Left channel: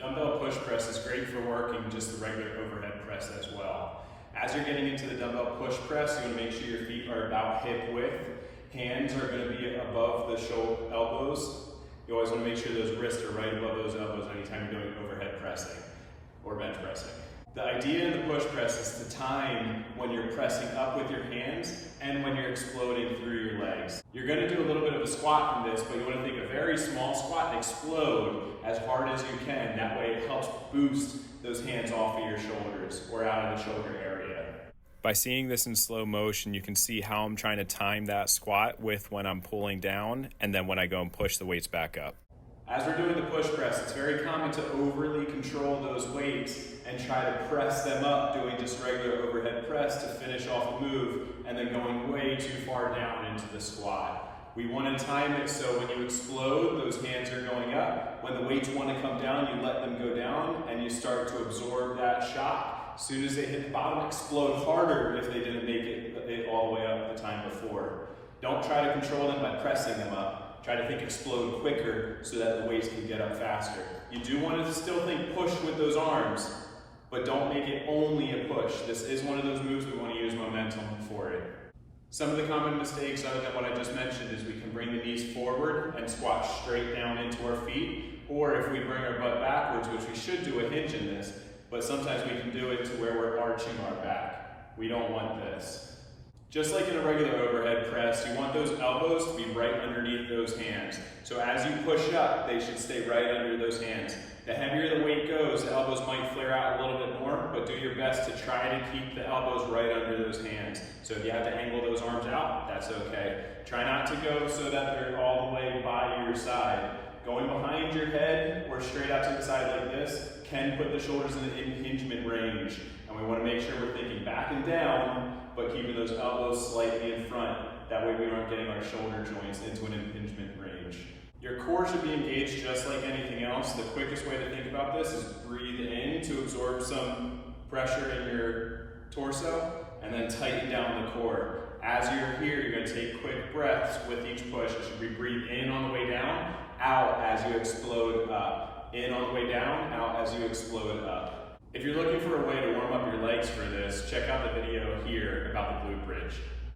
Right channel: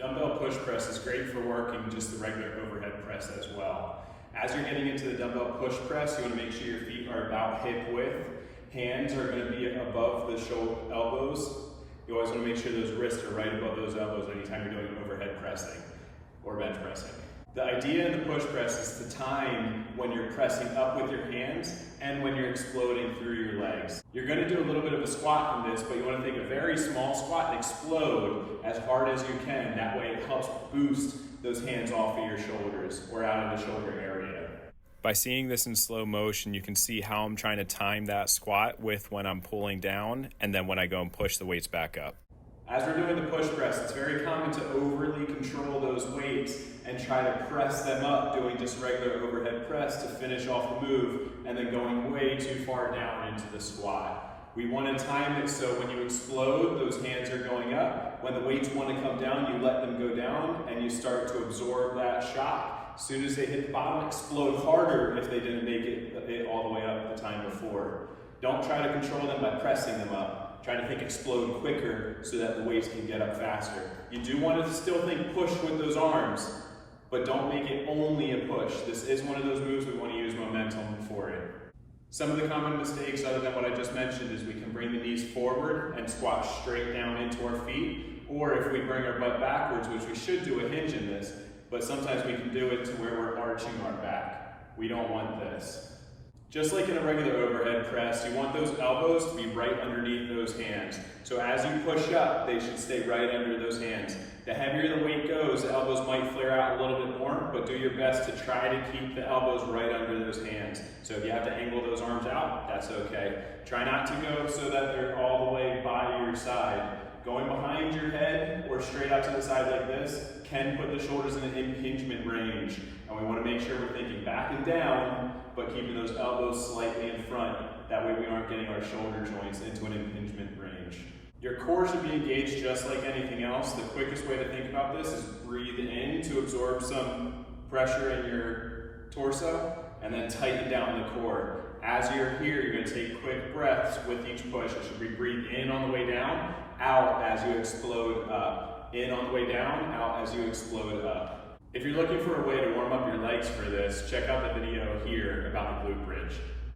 Dumbbell push press is great for working just the regular overhead press as well. As you're getting into the dumbbell push press, you want to make sure your feet are about hip width. Hands are going to be above the elbows. You always want to make sure those wrists are right above those elbows anytime you're doing overhead pressing or bench pressing. The idea in the push press is to time when you're pressing up with your hands and when you're exploding through your legs. You're going to do a little bit of a squat from this, but you want to take a very small squat and explode as hard as you can. That way it helps boost those hands off of your shoulders or out of the shoulder area. By seeing this in slow motion, you can see how I'm trying to time that squat with when I'm pulling down and then when I go and push the weights back up. As we're doing the push press, it's very common to overly control those weights and try to press them up, doing just regular overhead press to finish off the move and then going way too far down into the squat. We want to time it so when you explode, those hands are going up. When the weights want to come down, you let them go down and you start to absorb that shock. As soon as they hit the bottom, explode harder if they didn't make it all the way up the time before. Don't try to control them by pressing them up. Try to think explode quicker so that the weights can get up faster. You do want to still think push with those arms, but don't make it only a push. This is one of those moves we want to use momentum for it. Some of the common mistakes, other than what I just mentioned, is we can bring the knees forward and squat straight down into our feet, or if we bring our butt backwards, which we should do a hinge in this, but sometimes we can do it to where we're arching our back. We don't want this. Just like in a regular overhead press, you want those elbows to be right underneath those hands. So as you push up, they should stay right under those hands. The heavier the weight goes, the elbows might flare out a little bit more, but do your best to try to keep the elbows right under those hands. So if you have to angle those arms out, that's okay. Try not to go so that they're all the way by your side. Going behind your head or straight out to the side like this can put the shoulders in an impingement range. And we want to make sure we're thinking back and down, but keeping those elbows slightly in front. That way we aren't getting our shoulder joints into an impingement range. Your core should be engaged just like anything else. The quickest way to think about this is breathe in to absorb some pressure in your torso, and then tighten down the core. As you're here, you're going to take quick breaths with each push. It should be breathe in on the way down, out as you explode up. In on the way down, out as you explode up. If you're looking for a way to warm up your legs for this, check out the video here about the glute bridge.